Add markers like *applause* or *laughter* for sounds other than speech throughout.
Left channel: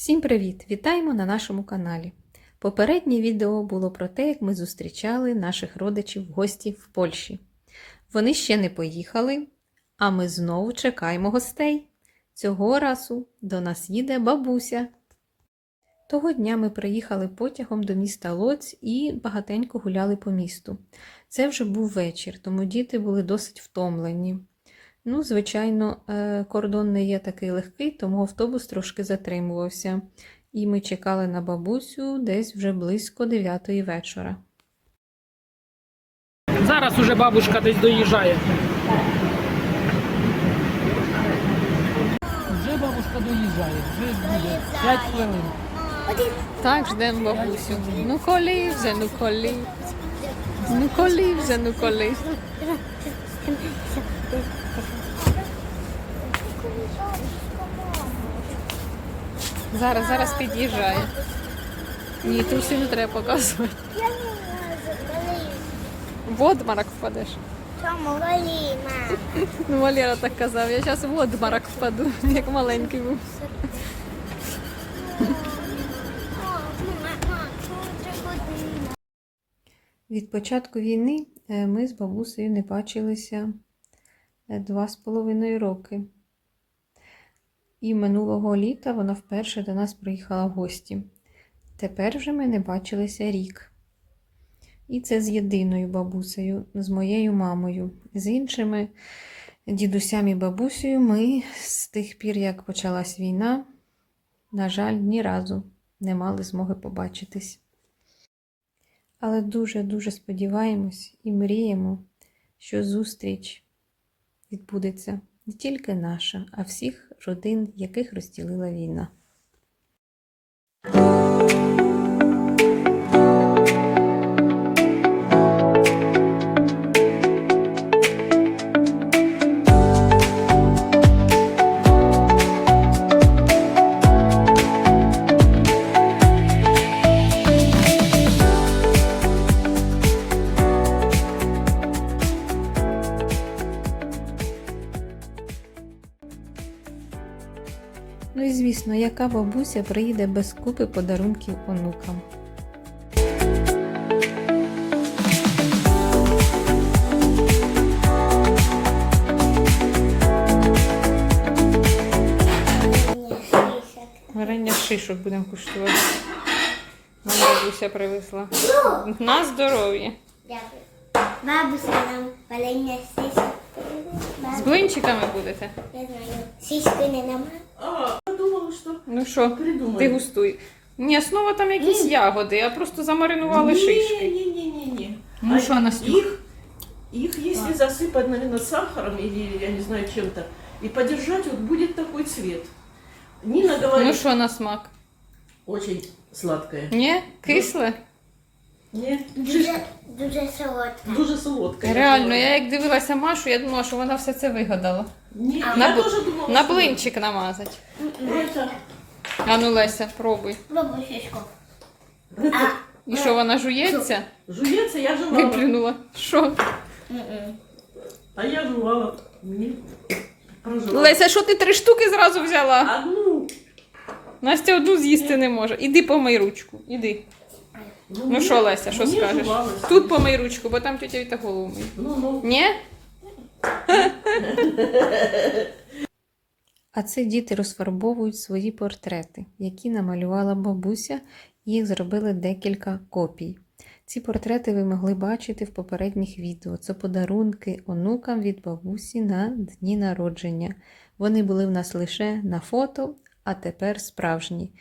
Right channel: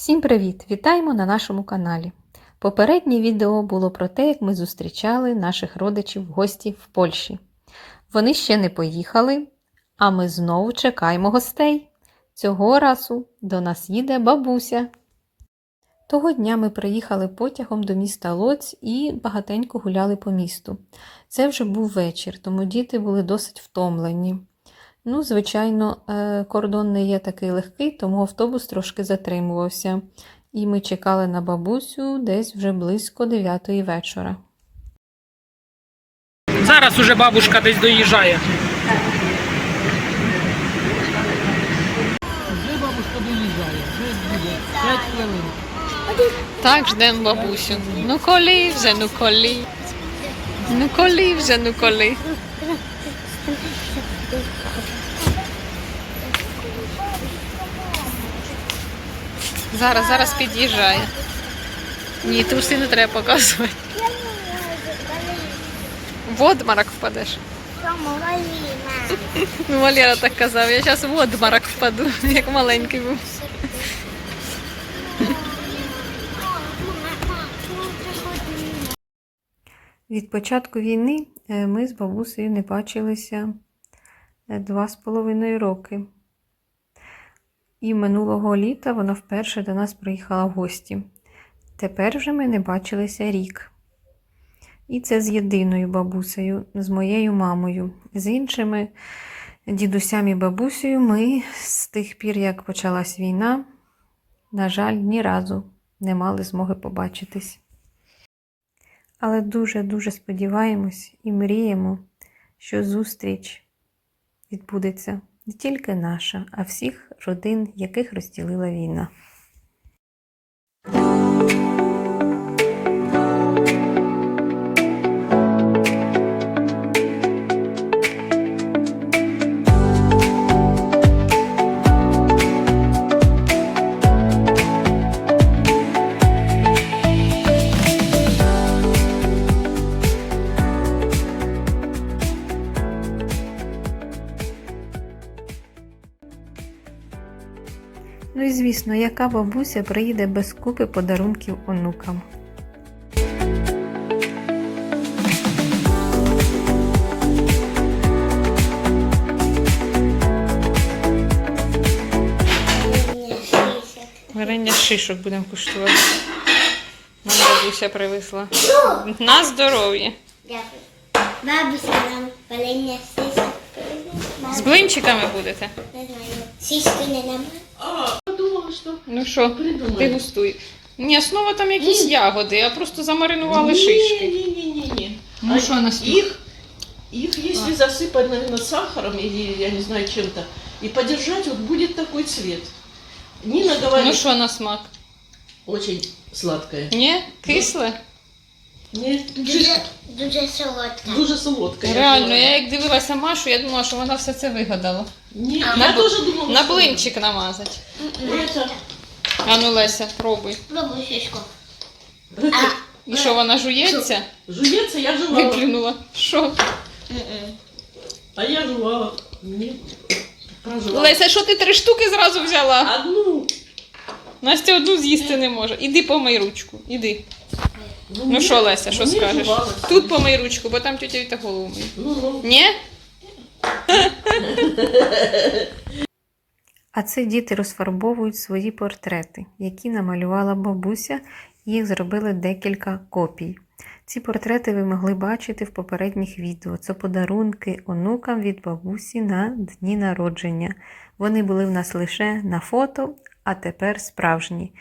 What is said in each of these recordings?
Всім привіт! Вітаємо на нашому каналі. Попереднє відео було про те, як ми зустрічали наших родичів в гості в Польщі. Вони ще не поїхали, а ми знову чекаємо гостей. Цього разу до нас їде бабуся. Того дня ми приїхали потягом до міста Лоць і багатенько гуляли по місту. Це вже був вечір, тому діти були досить втомлені. Ну, звичайно, е, кордон не є такий легкий, тому автобус трошки затримувався. І ми чекали на бабусю десь вже близько 9 вечора. Зараз уже бабушка десь доїжджає. Вже бабушка доїжджає, вже буде 5 хвилин. Так, ждемо бабусю. Ну коли вже, ну коли. Ну коли вже, ну коли. Зараз, зараз під'їжджає. Ні, труси не треба показувати. В обморок впадеш. Тому Валіна. Ну, Валера так казав, я зараз в обморок впаду, як маленький був. Від початку війни е, ми з бабусею не бачилися е, два з половиною роки. І минулого літа вона вперше до нас приїхала в гості. Тепер вже ми не бачилися рік. І це з єдиною бабусею, з моєю мамою. З іншими дідусями і бабусею ми з тих пір, як почалась війна, на жаль, ні разу не мали змоги побачитись. Але дуже-дуже сподіваємось і мріємо, що зустріч відбудеться не тільки наша, а всіх родин, яких розділила війна. Звісно, яка бабуся приїде без купи подарунків онукам. Варення шишок будемо куштувати. Нам бабуся привезла. На здоров'я. Дякую. Бабуся нам валення сиськи. З блинчиками будете? Не знаю. Сиськи не нам. Ну що, ти густуй. Ні, основа там якісь ягоди, а просто замаринували шишки. Не-не-не-не. Ну що, Настюх? Их, их если засыпать, наверное, сахаром или, я не знаю, чем-то, и подержать, вот будет такой цвет. Нина говорит, Ну що на смак? очень сладкое. Ні? Кисле? Не, Дуже, дуже солодка. дуже солодкое. Реально, я як дивилася Машу, я думала, що вона все це вигадала. Не, На я бл- тоже думала, На что- блинчик намазати. Это, А ну Леся, пробуй. Бабусечко. І що вона жується? жуется, я жевала. Виплюнула. Що? А я жевала. Не, прожевала. Леся, що ти три штуки зразу взяла? Одну. Настя одну з'їсти не може. Іди помий ручку. Іди. Ну не- що, Леся, що скажеш? жевала. Тут помий ручку, бо там тетя Віта голову миє. Ну, ну. Ні? *laughs* А це діти розфарбовують свої портрети, які намалювала бабуся, їх зробили декілька копій. Ці портрети ви могли бачити в попередніх відео. Це подарунки онукам від бабусі на дні народження. Вони були в нас лише на фото, а тепер справжні.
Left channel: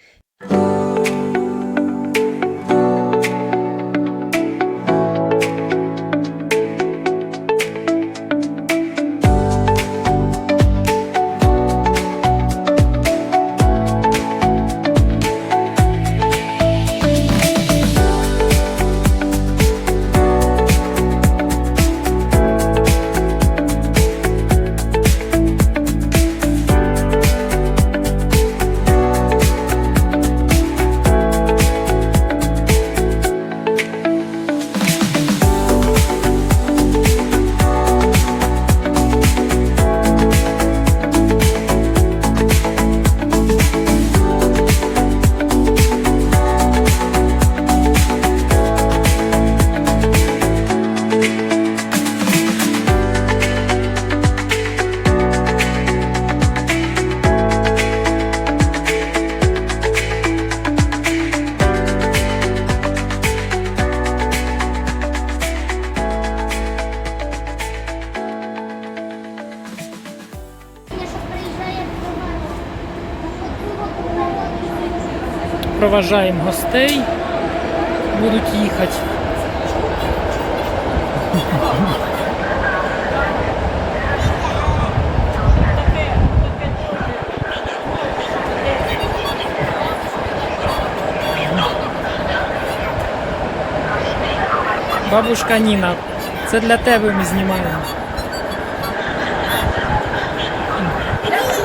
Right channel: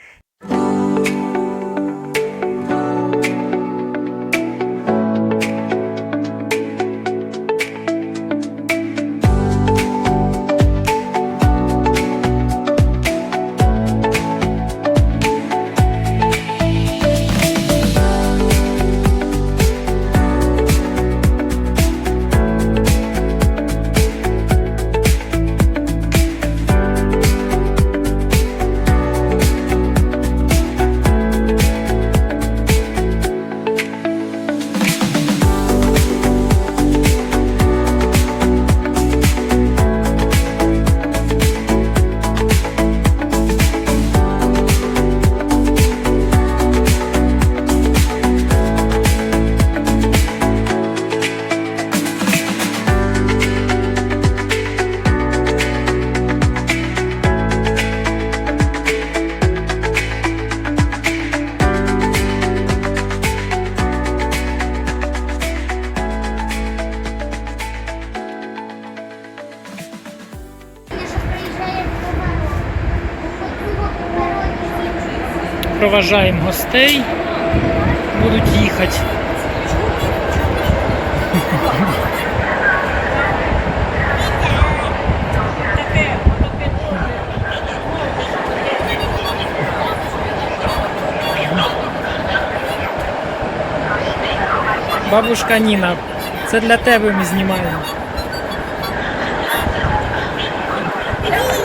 Проважаємо гостей. Будуть їхати. Бабушка Ніна, це для тебе ми знімаємо.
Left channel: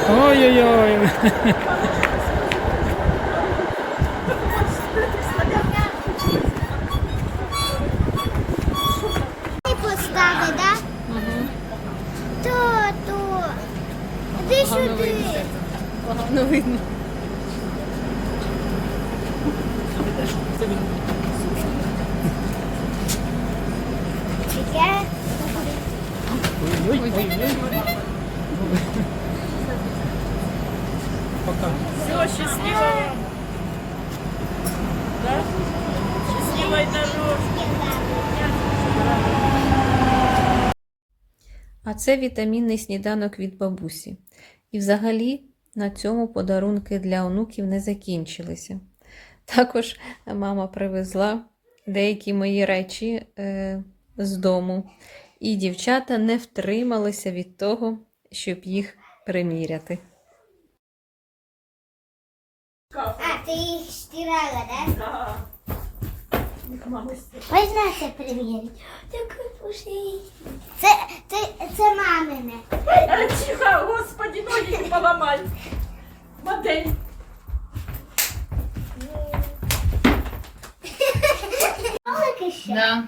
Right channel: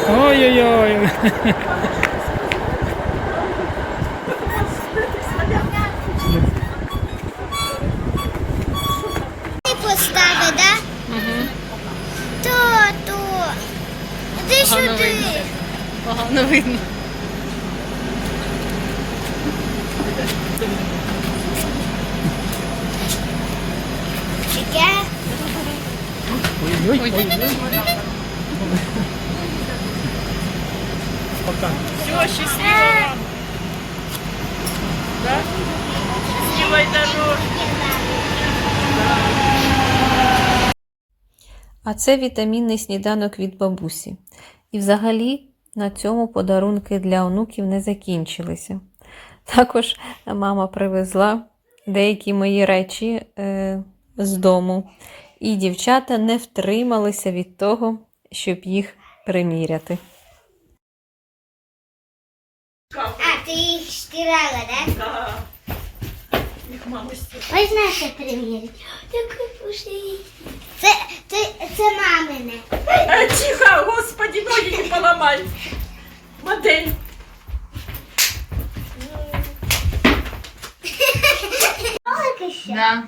Ой-ой-ой. Ти поставив, да? Угу. То, то. Іди сюди. Погано видно. Таке. Все, счастливо вам. Да? Счастливой дорожки. А це вітамінний сніданок від бабусі. І взагалі на цьому подарунки для онуків не закінчилися. Також мама привезла деякі мої речі е, з дому, і дівчата не втрималися від того, щоб їх приміряти. А, ти їх стирала, да? Ви знаєте приміряти. Це, це, це мамине. А, тихо, господи, ноги не поломай. Модель. Да.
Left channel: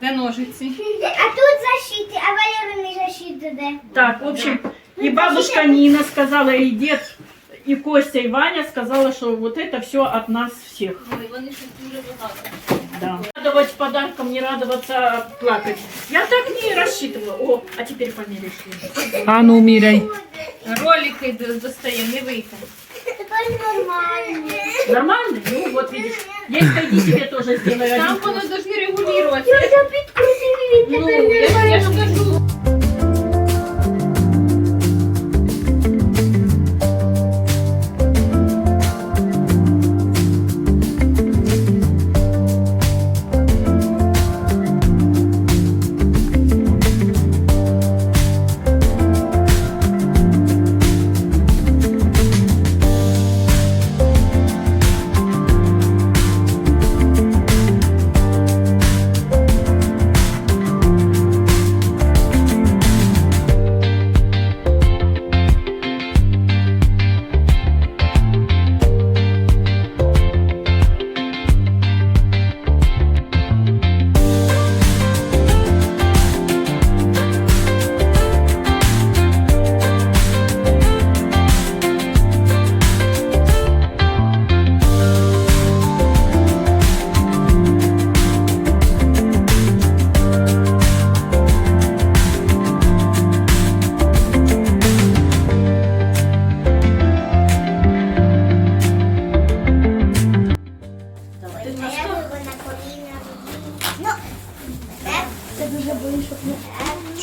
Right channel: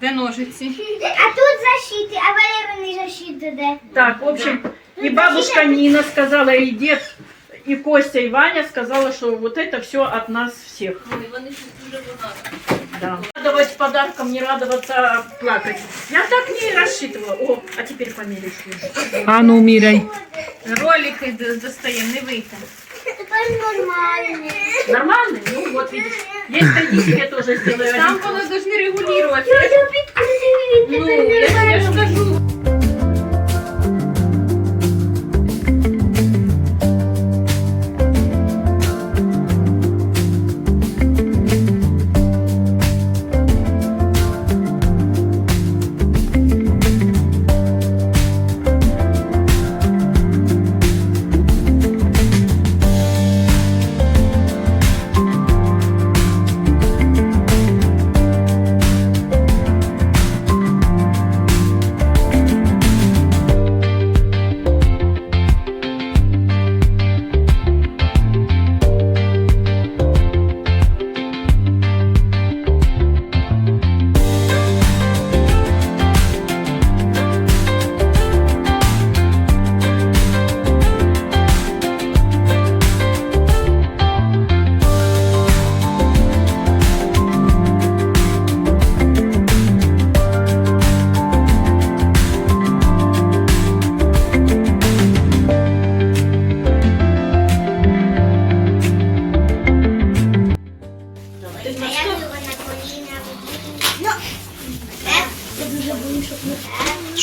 Де ножиці? А тут защити, а Валерини защити де? Так, в общем, и бабушка Нина сказала, и дед, и Костя, и Ваня сказала, что вот это все от нас всех. Да. Радовать подарком, не радоваться, а плакать. Я так не рассчитывала. О, а теперь померишь. А ну, міряй. Ролики достаємо, не вийти. Нормальный? Нормально? Ну, вот видишь. Есть, пойди себе тоже сделаю. Там воно повинні регулювати. Я підкрутив, він Ну, я, я ж кажу.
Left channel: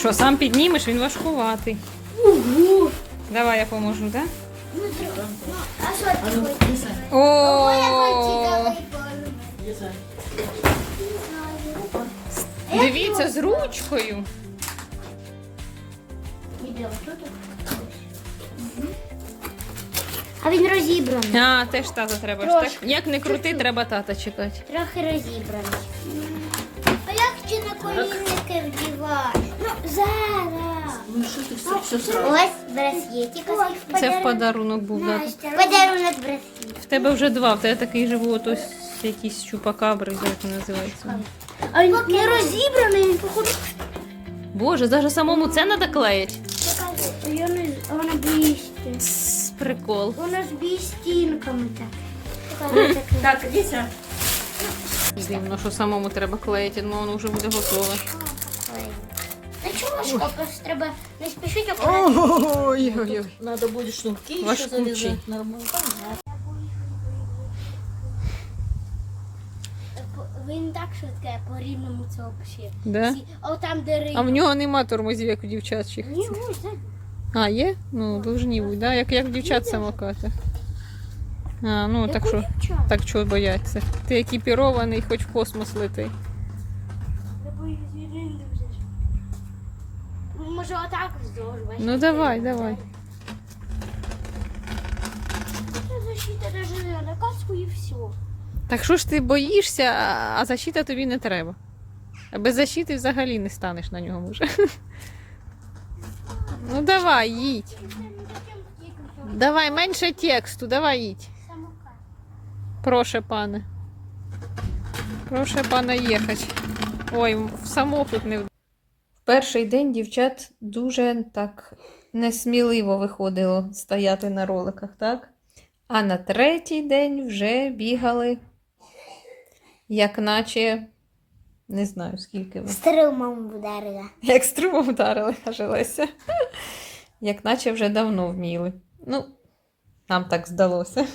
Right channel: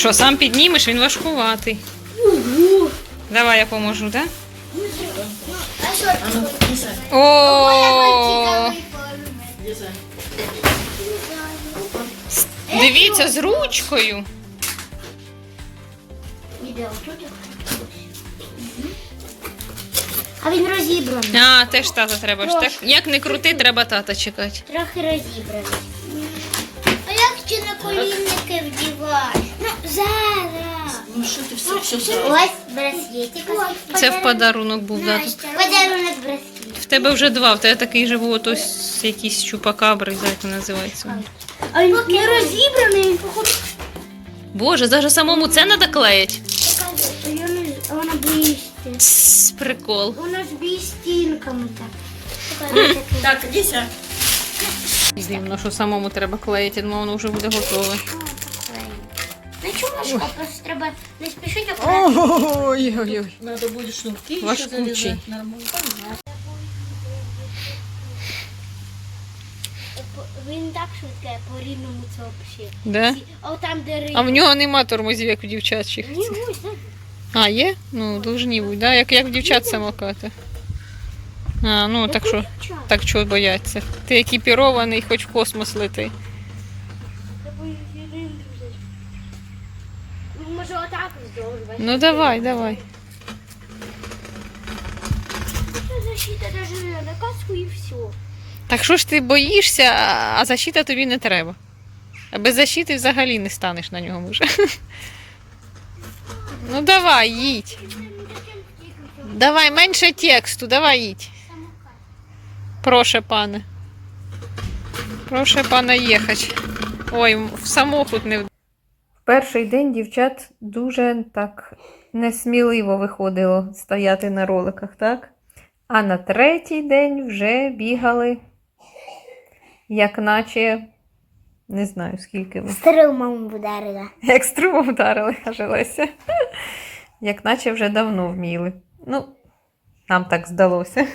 Що, сам піднімеш, він важкуватий. Давай я поможу, так? А що ти хочеш? О, дивіться, з ручкою. А він розібраний. А, теж тата треба ж так. Як не крути, треба тата чекати. Трохи розібраний. А як ще на колінники вдівати? Ну, зараз. Ну что ты все, все, Ось браслетик. Це в подарунок був дати. Подарунок браслет. В тебе вже два, в тебе такий же був ось якийсь чупакабри, як він називається. А він не розібраний, він походу. Боже, даже самому це треба клеїть. Вона. Тс, Прикол. Воно з бістінками так. Так, Лися. Дивно, що самому треба клеїти, думаю, воно вже буде готове. Ну чого просто треба не спішити, а Ой-ой-ой. Надо будет шнурки еще Важкучий. нормально. Він так швидке по рівному це взагалі. Да? А там, де риба. А в нього нема тормозів, як у дівчачих. Ні, ось, так. А, є? Ну, должні бути, да? як, як в дівчат самокати. А, ну так що, так чого бояться. Ти екіпірований, хоч в космос лети. Ну давай, давай. Защита даже на каску і все. Так що ж ти боїшся, а- защита тобі не треба. А без защити взагалі не станеш на ньому вже. *laughs* Ну давай, їдь. Давай, менше тексту, давай їдь. Прошу, пане. Прошу, пане, їхати. Ой, в самохід не перший день дівчат дуже так несміливо виходило стояти на роликах, так? А на третій день вже бігали, як наче, не знаю скільки ви. Струмом вдарила. *laughs* Як струмом вдарили, каже Леся. *laughs* Як наче вже давно вміли. Ну, нам так здалося.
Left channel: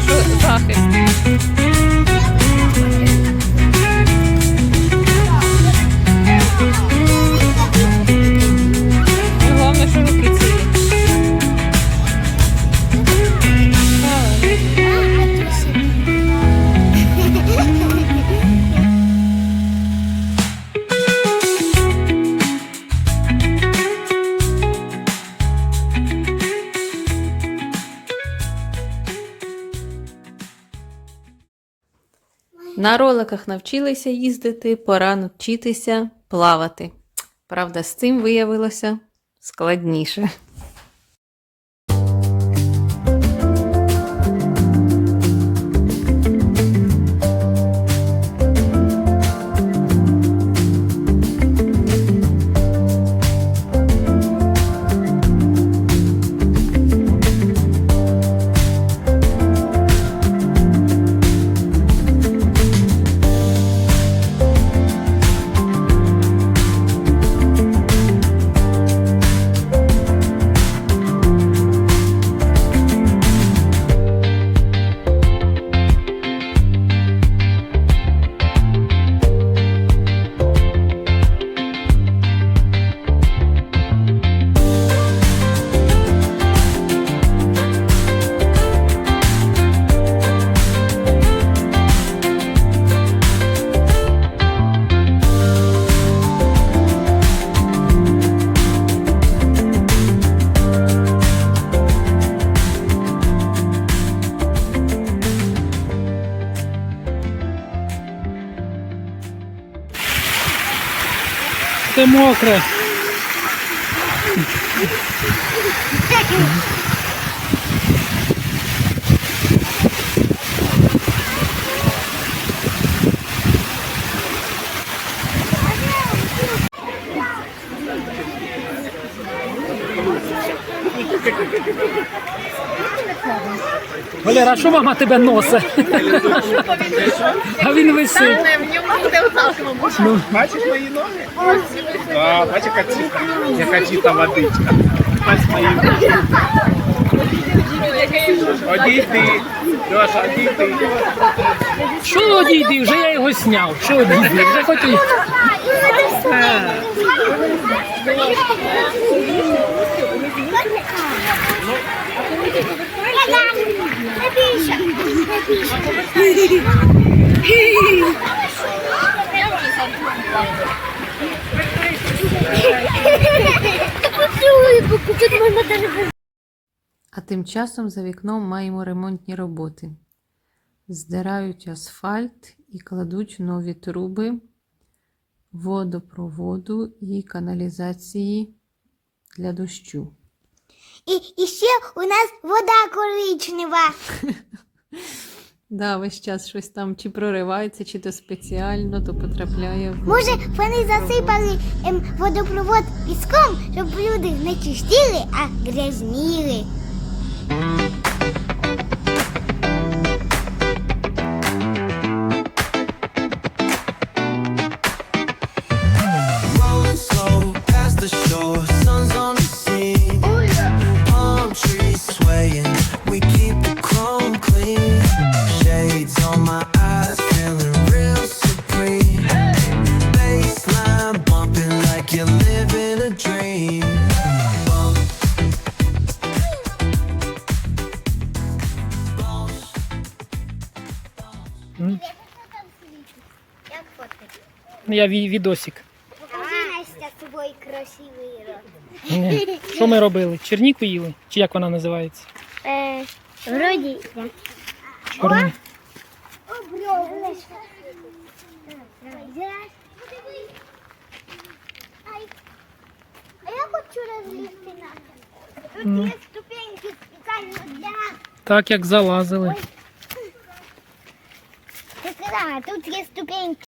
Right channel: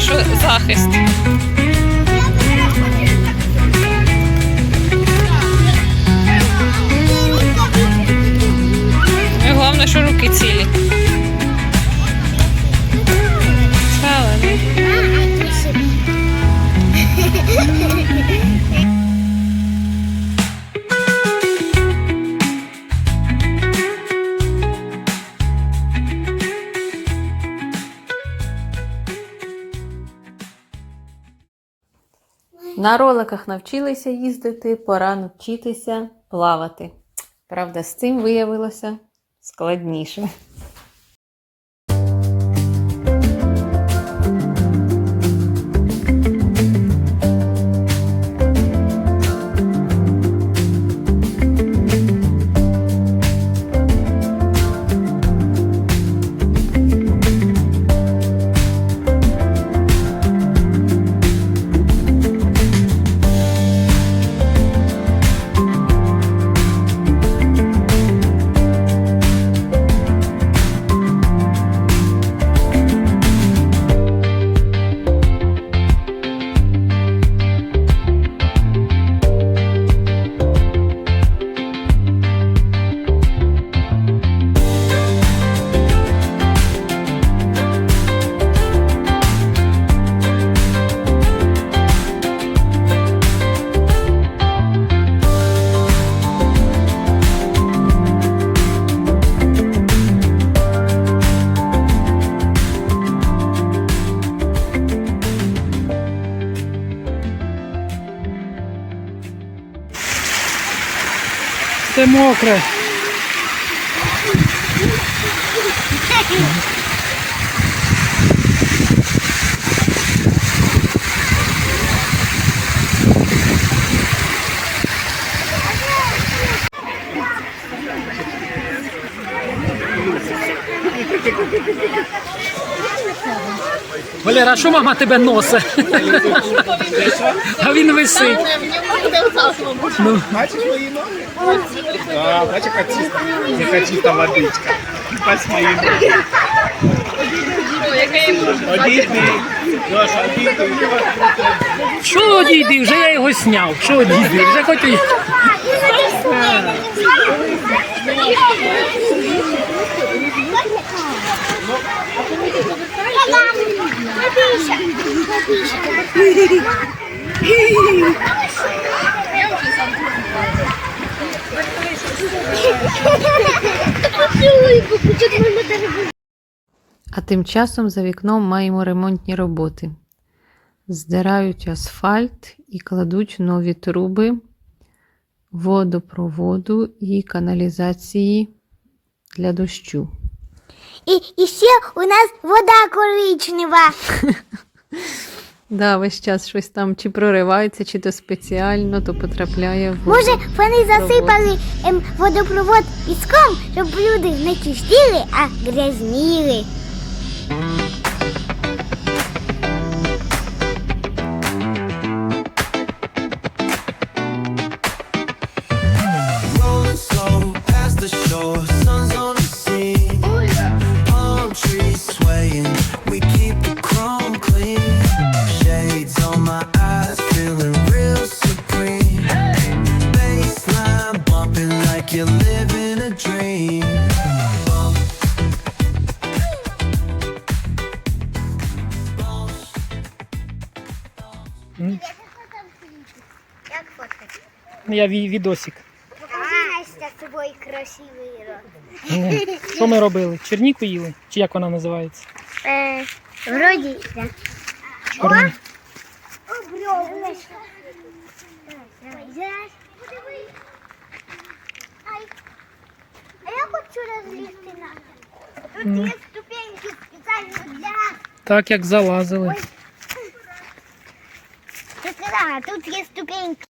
Що захист. Ну і головне, що руки цілі. На роликах навчилися їздити, пора навчитися плавати. Правда, з цим виявилося складніше. Все мокре. Валера, а що мама тебе носить? А він висить. Ну, Бачиш мої ноги? Да, бачиш, яка чиста, яка чиста водичка. Ось мої ноги. Одійди, Леша, одійди. що одійди? Вже я його сняв. Що одійди? Вже хоч і... А тим часом за вікном маємо ремонтні роботи. Здирають асфальт і кладуть нові труби водопроводу і каналізації для дощу. І, і ще у нас вода коричнева. *laughs* Да, весь час щось там чи проривається, чи то спеціально, то потрапляє в Може, вони засипали ем, водопровод піском, щоб люди не чистили, а грязніли. Як фоткати? Я ві- відосик. Покажи Настя з красивий рот. Ні. Що ми робили? Черніку їли? Чи як вона називається? Е, вроді. Давай, зараз. Ай. А я хочу розлізти на. Тут Ну. є ступеньки спеціально для... Так як залазили. Ти сказала, тут є ступеньки.